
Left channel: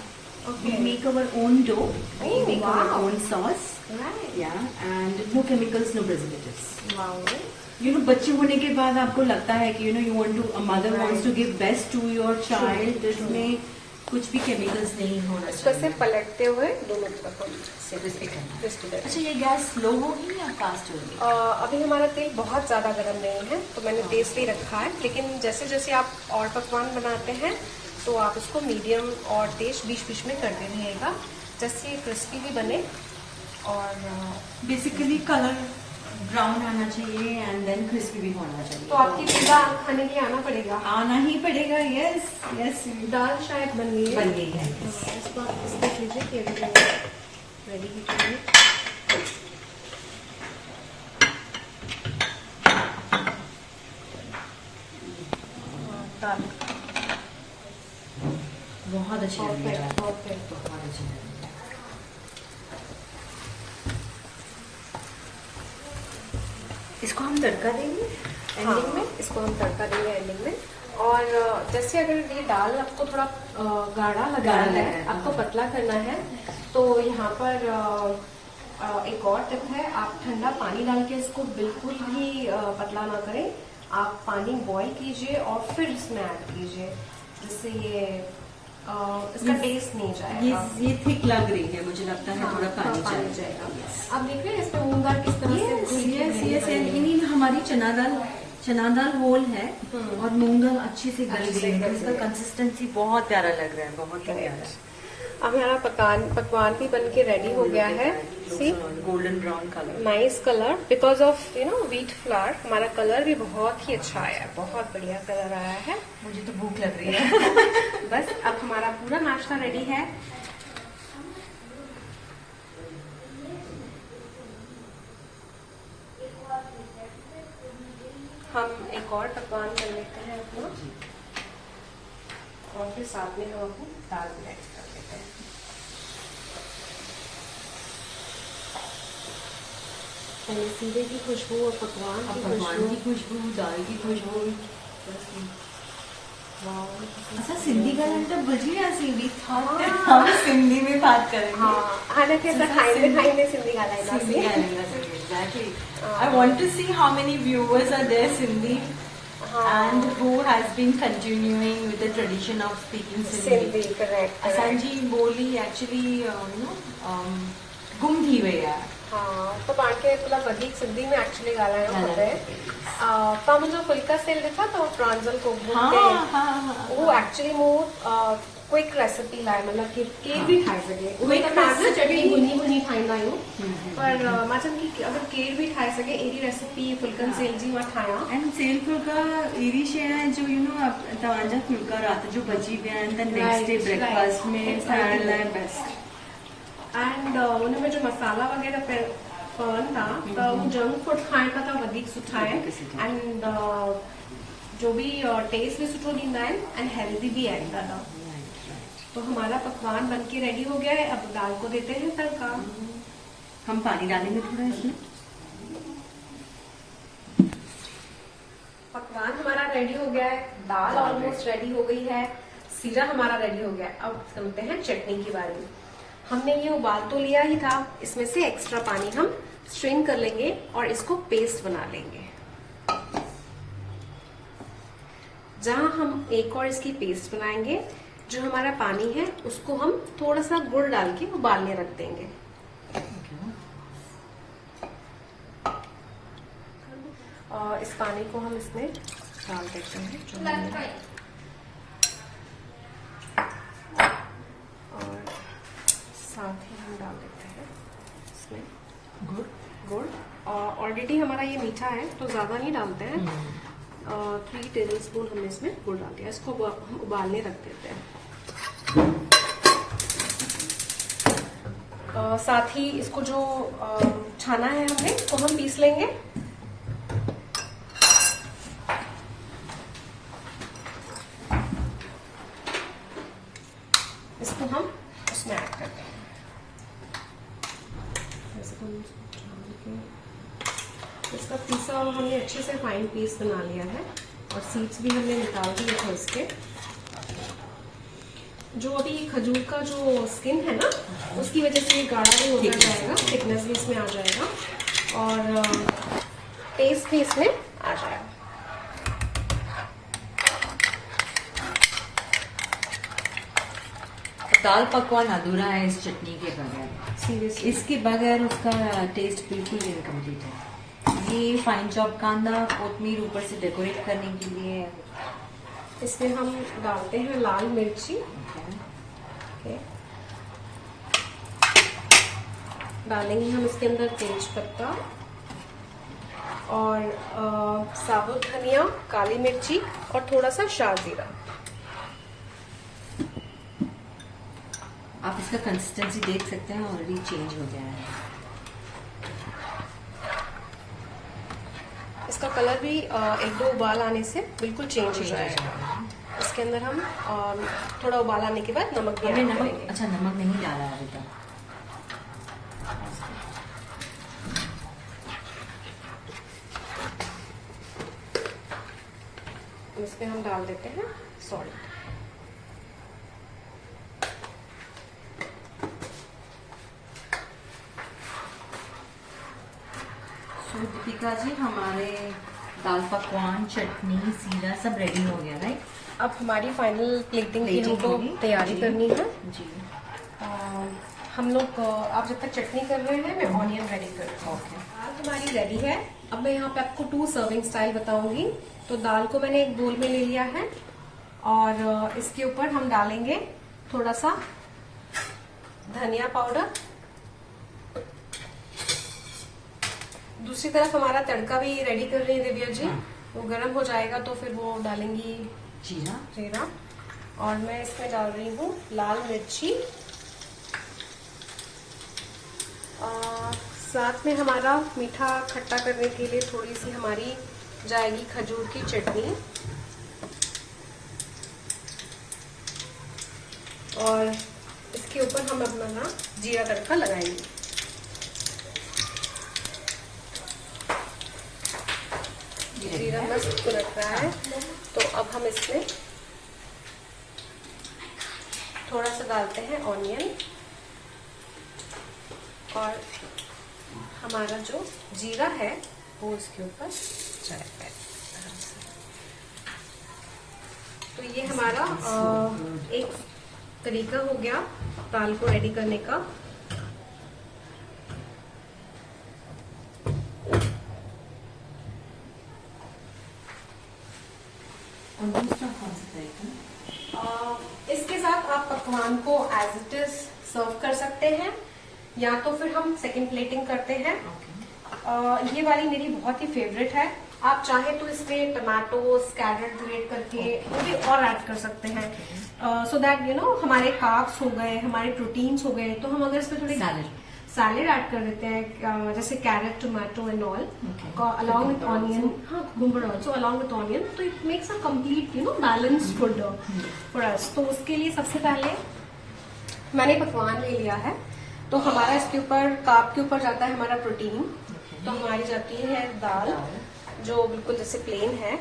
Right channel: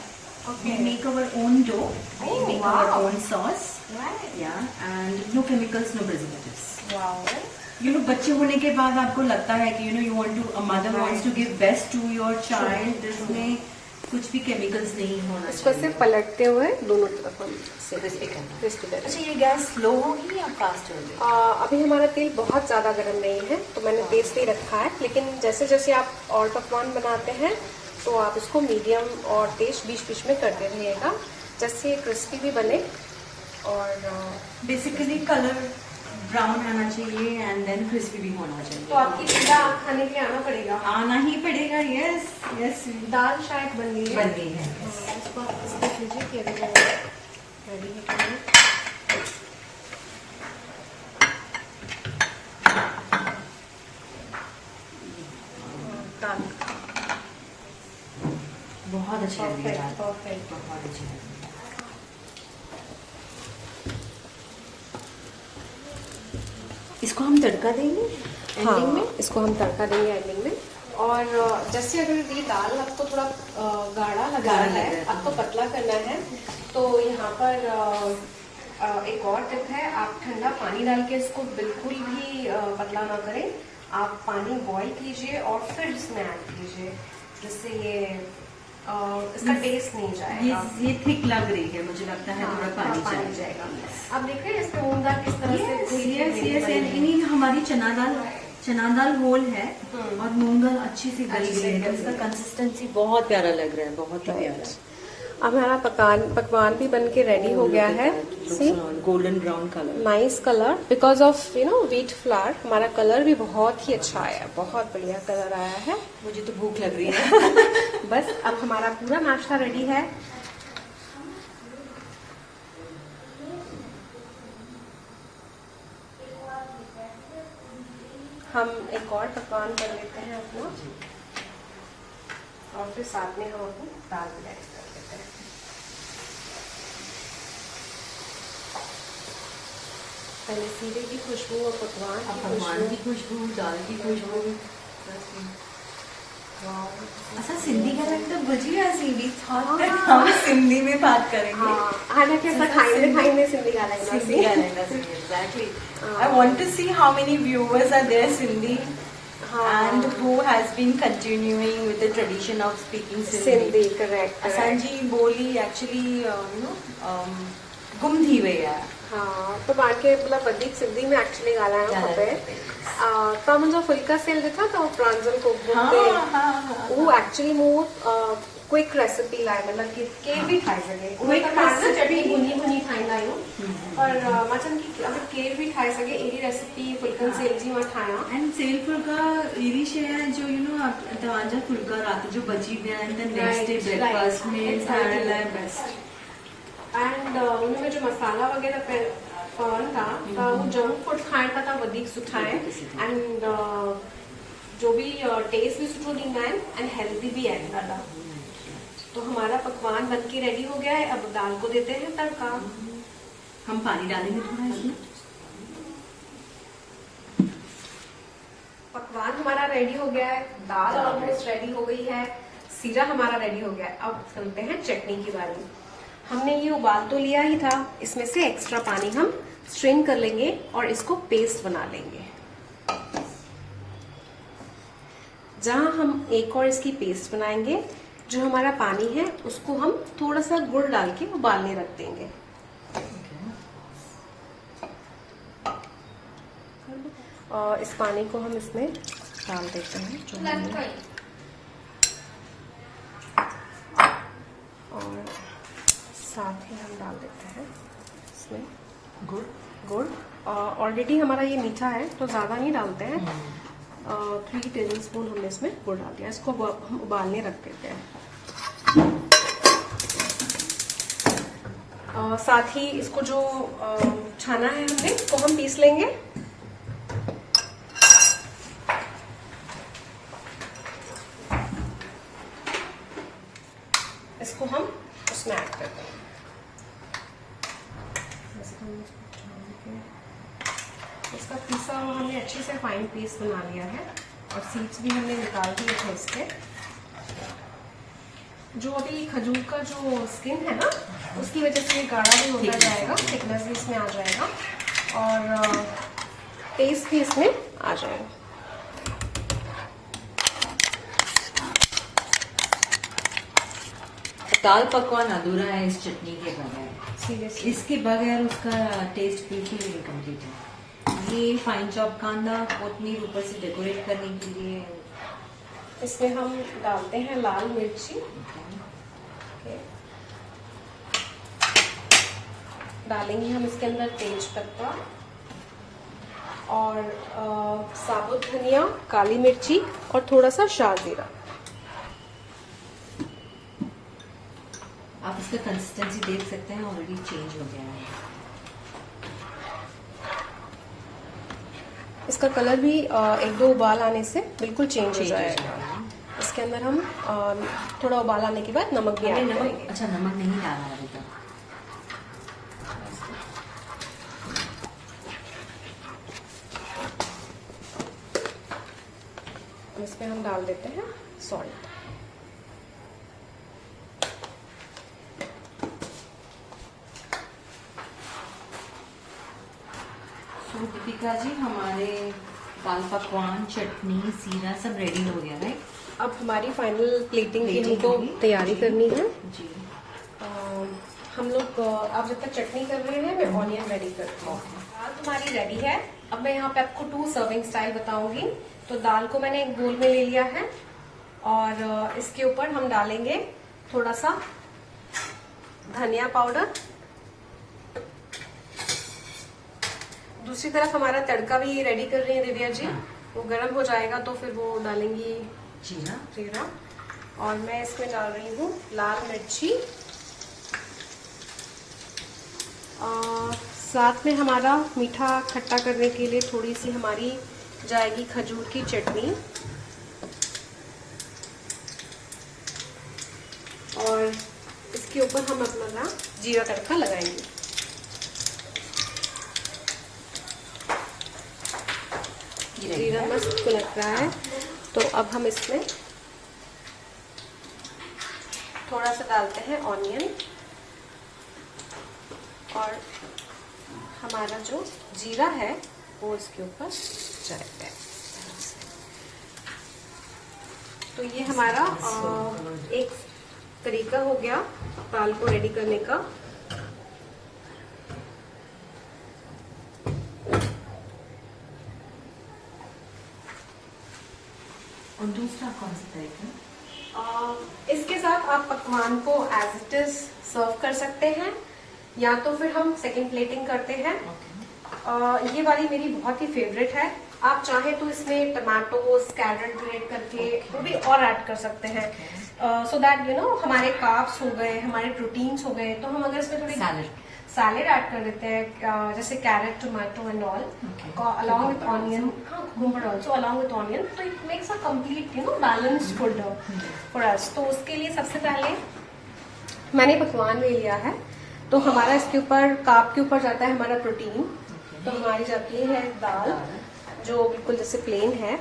Okay। We make our own dough, we Oh, make wow। our own sauce, right yeah, and no chemicals, no preservatives. Wow You know, बच्चे होने के बाद आपको लगता है कि you want to, a mother wants to give best to your child, जिसमें कुछ भी chemicals नहीं होना इसको चाहिए। सिर्फ पलटते हुए दोनों तरफ हम से Crispy करना है। crispy करते हैं। अच्छा, ये गैस स्लो होगी या फास्ट होगी? अभी हमारा तेल बहुत ज्यादा गर्म नहीं है तो मैंने तेज ही रखा है, लेकिन जैसे जैसे आप और पकवान बनाते हैं तो आप इसको मीडियम और तेज बीच बीच में करते रहिएगा, जैसे क्रिस्पी भी बने। और बेसिकली कलर ब्राउन आना चाहिए एंड देन क्रिस्पी भी होना चाहिए। तो आपकी पिज्जा खाने के लिए आना पड़ेगा। आना ही पड़ेगा, यस यस। दाल शायद बन गई है। बन गई है। हाँ, इसको आप इस देख लीजिए कि अभी वो रेडी है कि नहीं। दाल बहुत अच्छी लग रही है, परफेक्ट। बहुत अच्छी लग रही है। इसको हम तड़का देंगे एंडिंग में इसको हम तड़का देंगे एंडिंग में। और जैसे अगर ये दाल आपको थोड़ा गाढ़ा लगा गाढ़ा है, लग रहा है, आपको हाँ। पतला करना है, तो यहाँ पर एक और टिप है, आप ठंडा पानी डाल के इसको बिल्कुल भी पतला ना करें। आप पानी बॉईल कीजिए और फिर इसमें ऐड कीजिए, जिससे ये इसका टेस्ट नहीं जाएगा। ये थिक लग रही है, मुझे लगता है थोड़ा हाँ, पानी पानी चाहिए। जाएगा। आप देख रहे हैं इसमें मूंग दाल किस तरह से घुल के यस ग्रेवी यस, बनी है। हमारी चना दाल होल है और मूंग दाल अच्छे से गल अच्छे से गई है, तो गल इसका गई है। कंसिस्टेंसी बहुत प्यारा लग रहा है, बहुत ही प्यारा। अब हमारा पकवान भी बन के रेडी हो गया है। See golden brown colour. Nice colour, because of wheat flour हमारा कलर भी बहुत ही अच्छा आया है, बहुत बढ़िया कलर आया है। मुझे तो भूख लग रही है। बस अब हमारा पूरा नाश्ता रेडी है। ना। और फिर साथ में हम अपनी दाल भी ऐड कर देते हैं। पहले सीरे की खुशबू और पकवान की खुशबू, दाल की खुशबू। अच्छा, सिंधी का तो गुजिया सिंधी था। हम सिंधी में बात करेंगे। हाँ, हालांकि ऐसा खाइंदे सिंधी ॻाल्हाईंदासीं। Exactly. I want to see how many viewers are there Sindhi and who has been continuing with the tradition of speaking Sindhi. Correct. असांजी ॿोली एक्चुअली गुम थी वई आहे। हाँ, तो पाण खे मतलब वधीक सिंधी में एक्चुअली ॻाल्हाइणो खपे। तव्हां मुंहिंजो फुल्का सेल ॾिठा अथव प्रांजल कुकबुक ते? उहो एक्चुअली मूं क्विक रेसिपी लाइ मतलब कि केर बि ठाहे सघे। उहे त पाण चटनी भुनी ठाहींदा आहियूं, पर मां चवंदी कि अगरि केर बि ठाहे सघे अहिड़ी रेसिपी फुल्कनि सेल जी मां ठाहियां। एंड सेल फुल्का अहिड़ी शइ आहे जो तव्हांजा फुल्का राति जो बची विया आहिनि त नेक्स्ट डे ब्रेकफास्ट में खाइण लाइ बेस्ट। एंड उनमें जो मसाला वग़ैरह पवन था त वो जंक फूड खाइण खां त वधीक सुठा आहिनि। एंड जो भी टेस्ट भी सुठो ॾींदा आहिनि एंड हेल्दी भी आहिनि ॾाढा। तो हमारा पकवान बन के रेडी हो गया है। अब दाल को देते हैं तड़का। हम पानी डालेंगे थोड़ा इसमें। पकवान हमारा रेडी हो गया है, दाल ऑलमोस्ट रेडी हो गई है, सीरा हमारा रेडी हो गया है। अब चलते हैं चटनी की बारे में। हमने ये उबाल तो लिया ही था, इसमें से एक्स्ट्रा पानी हम स्ट्रेन कर लेंगे और इसको पेस्ट बना लेंगे। जहां हम एक और इसकी पेस्ट बनाएंगे, जो हमारा पानी है उसको हम थोड़ा सा गुड़ डाल के उबालने रख देंगे। और इस पानी को हम इसमें डाल देते हैं जो हमने, और साथ ही हम डाल देते हैं इसमें गुड़। ऑलरेडी हमारा ये मीठा है तो ज्यादा नहीं डालते हैं। 3 टेबल स्पून हमने इसमें गुड़ डाल दिया। इसको हम उबालने रख देते हैं। साथ ही इसको जो छाना है हमने इसको हम पीस लेंगे। इसको हम उसमें ऐड कर देंगे। इसका पीसा हमने अच्छे से फाइन पीस बना लिया है और सीड्स भी हमने निकाल दिए थे इसके। जो अभी खजूर का जो स्किन है ना, उसकी वजह से ये गाढ़ा भी होता जाएगा, थिकनेस भी इसमें आ जाएगा और टेस्ट भी इसमें आ जाएगा। दाल पकवान अधूरा है इस चटनी के बगैर। सीरियसली इसके बगैर उसका टेस्ट बिल्कुल इनकम्प्लीट है। ये फाइन चॉप कांदा, कोथमीर ऊपर से डेकोरेट करने के लिए। इसमें हम डालते हैं लाल मिर्ची। डालेंगे हम इसके अंदर तेज पत्ता और साबुत धनिया, काली मिर्ची और थोड़ा सा शाहजीरा। आप इसका कंसिस्टेंसी देख सकते हैं, ऑलरेडी चेंज हो गया है। इसका कलर भी 1-2 उबाल आने से बिल्कुल चेंज हो जाएगा। इसके अंदर हम थोड़ा उबाल आने के बाद नमक भी ऐड करेंगे। अच्छा, नमक नहीं डाला है अभी तक। इसमें हम डाल देते हैं सॉल्ट। दीपिका जी, हमारे दाल पकवान, चटनी, सीरा सब रेडी हो गया, राइट? अब हमारी फाइनल प्लेटिंग की हमको तैयारी करनी है जी। हम लोग आप जब तक चटनी कर रहे हैं, मैं ऑनियन रेडी करती हूँ। दाल हमारी रेडी है। अब मैं यहाँ पे आपको 2 सर्विंग स्टाइल बताऊंगी। तो दाल को मैंने एक बोल में ले लिया है और इसके ऊपर हम डालेंगे थोड़ा सा धनिया पाउडर। दूसरी तरफ हमारा तड़का भी रेडी कर रही है दिव्या जी। वो गर्म हो जाएगा तो फिर वो डालेंगी जीरा। और मैं इसमें डाल रही हूँ लाल मिर्ची और साथ में हमारा मीठा खट्टा करने के लिए थोड़ी सी हमारी जाएगी खजूर की चटनी। ऊपर हम अपना जीरा तड़का लगाएंगे। जीरा मस्त लग रहा है, तो अब हम इसमें थोड़ा सा डालते हैं ऑनियन, और हमारा जो जीरा है वो इसके ऊपर जाएगा। तो ये हमारा एक तरीका हो गया दाल को रेडी करने का। और दूसरा कौन सा तरीका? इसके साथ आप पकवान को एज इट इज सर्व कर सकते हैं, या तो फिर हम सेकंड प्लेटिंग करते हैं। ये वाली मेरी बहुत ही फेवरेट है। आप चाहे तो इसमें टमाटोज, कैरेट ग्रेट करके वो भी और ऐड कर सकते हैं, सो दैट यू नो हमारे कार्ब्स हो गए, हमारे प्रोटीन्स हो गए। तो हम अगर इसमें थोड़ी सैलेड ऐड कर देते हैं, जैसे carrot, tomato and all, along with onion, घूमर ऑल्सो अलॉन्ग विथ ऑनियन, तो it makes a complete balance food for us. तो उसके लिए सबसे पहले मैंने पकवान ले लिया है। तो हमारा इसके ऊपर कार्ब के ऊपर जाता है हमारा प्रोटीन। तो हमारी जाती है दाल, जो बिल्कुल जैसे प्लेन है।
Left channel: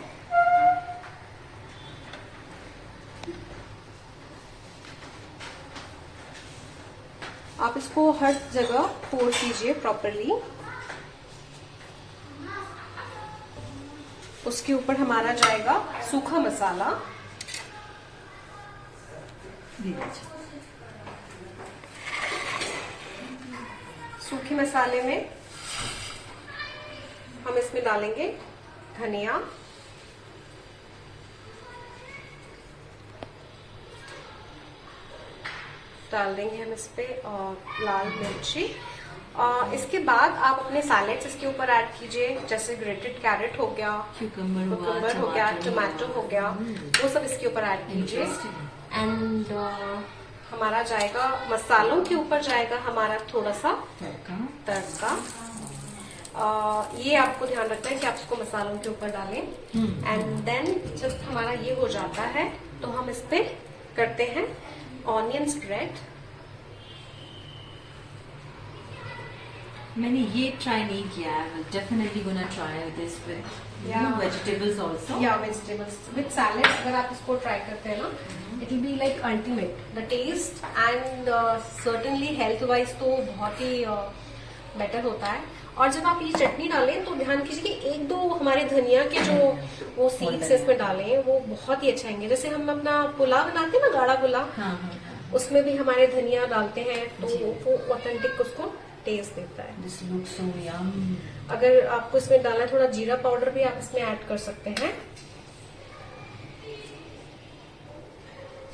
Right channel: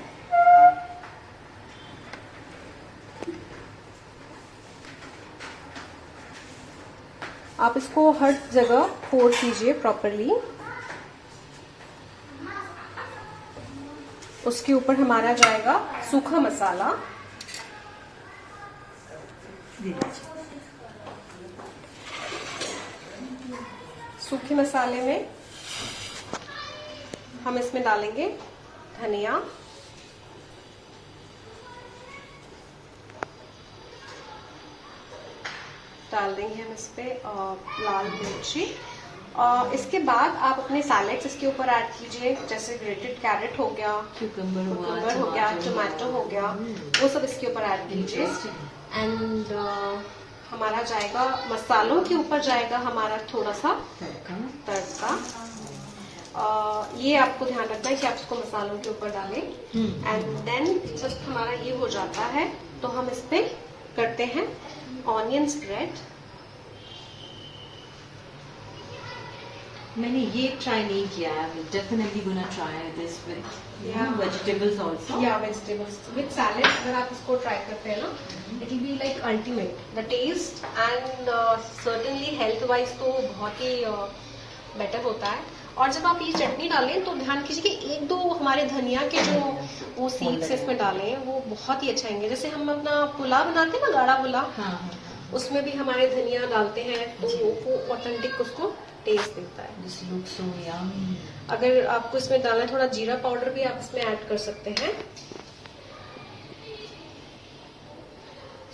आप इसको हर जगह पोर कीजिए प्रॉपरली। उसके ऊपर हमारा जाएगा सूखा मसाला। सूखे मसाले में हम इसमें डालेंगे धनिया, डाल देंगे हम इस पे लाल मिर्ची। इसके बाद आप अपने सैलेड्स इसके ऊपर ऐड कीजिए, जैसे ग्रेटेड कैरेट हो गया, क्यूकम्बर हो गया, टोमेटो हो गया, वो सब इसके ऊपर ऐड कीजिए। एंड हमारा जाएगा मसालों के ऊपर जाएगा हमारा थोड़ा सा तड़का। ये आपको ध्यान रखना है कि आप इसको मसालों के ऊपर डालें। एंड देन जब हमारा ये हो जाता है तो हम इस पे करते हैं ऑनियन स्प्रेड। मैंने ये ट्राई नहीं किया है, definitely gonna try this with vegetables also. या वेजिटेबल्स विद सैलेड अगर आप इसको ट्राई करते हैं ना, it will be like ultimate the taste and certainly health wise तो बहुत ही बेटर होता है। और जब आप ये चटनी डालें तो ध्यान कीजिए कि एक दो हमारे धनिया के जो वो सीड्स इसमें डालें, वो बहुत ही अच्छा आएंगे। जैसे हम अपना पुलाव बनाते हैं ना, गाढ़ा पुलाव, उसमें भी हमारे धनिया डालते हैं, तो वो ऑथेंटिक उसको टेस्ट देता है। This looks so yummy. अगर आपको इसमें डालना है थोड़ा जीरा पाउडर भी आप इसमें ऐड कर सकते हैं।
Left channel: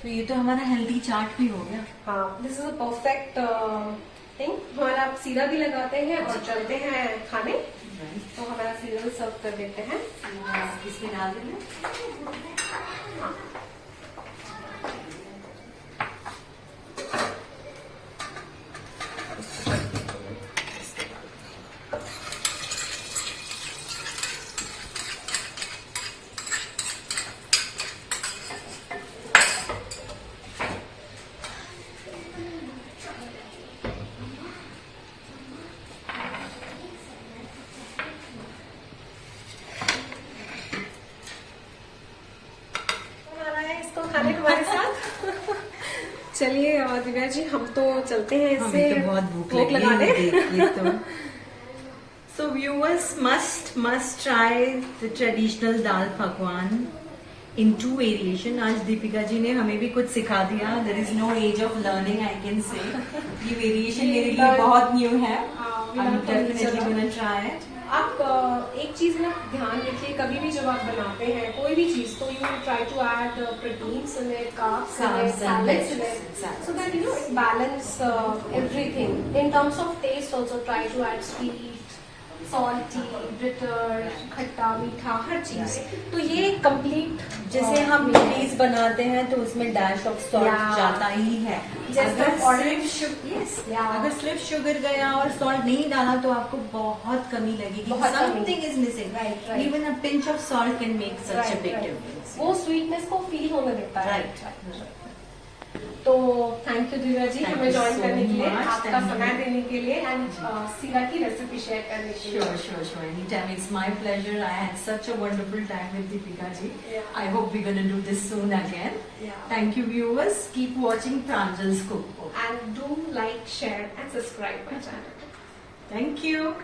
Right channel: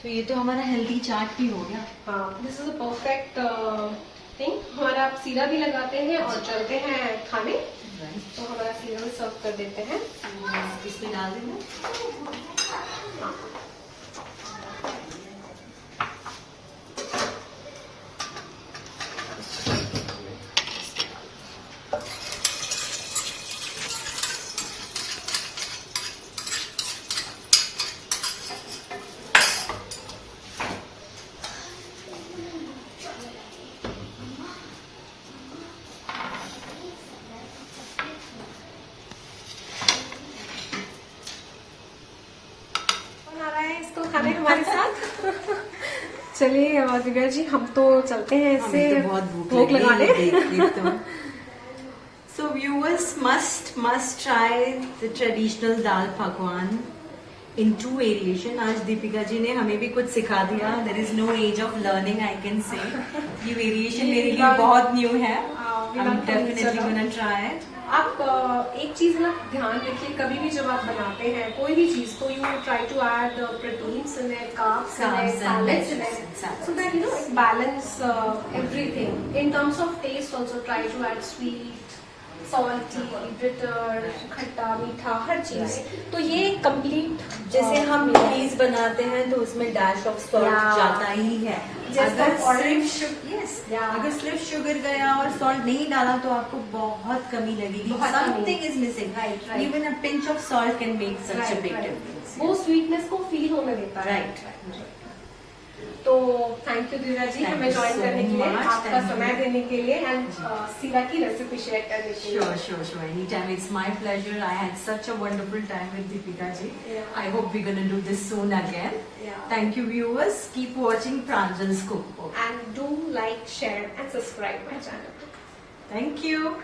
तो ये तो हमारा हेल्दी चाट भी हो गया। हाँ, this is a perfect thing. हमारा आप सीरा भी लगाते हैं और चलते हैं खाने, तो हमारा सीरा भी सर्व कर देते हैं। इसमें डाल देना। हाँ। खाने हमारे साथ। चलिए दिव्या जी, हम तो चलते हैं, इससे तो बहुत भूख लगी। So viewers must try the traditional दाल पकवान in 2 variation। आज दीपिका जी ने हमें भी कुछ सिखा दिया। There is no age of learning, I can say। ये वेरिएशन मेरे लिए बहुत न्यू है। I'm definitely gonna try it। आप एक चीज ना ध्यान रखिए, कभी भी जब आप बनाते हैं कोई भी चीज, तो you try to add proteins in it, carbs in it, salads in it, so that you know it balance everything in terms of taste. Also try to add sweet, salty, bitter, खट्टा, मीठा, हर चीज। तो ये complete, जैसे हम mayonnaise बनाते हैं तो उसमें डैश ऑफ सॉल्ट जाता ही है। अगर सिर्फ शुगर गया और सॉल्ट नहीं डाला तो आपको बहुत कमी लगेगी। Something is missing. Even a pinch of salt can make such a big difference. वो स्वीटनेस को फील होने देता है। राइट। तो thank you Divya ji Thank हमें you ज्वाइन so करने के लिए, much. आपका Thank समय you. देने के लिए एंड सीरा की रेसिपी शेयर करने के लिए। Sure. Anytime. It's my pleasure. I had such a wonderful time with Deepika ji. Yeah. I hope we're going to do this soon again. Yeah. Thank you, viewers. Keep watching Pranjal's Cookbook. And do like, share and subscribe my channel. Thank you.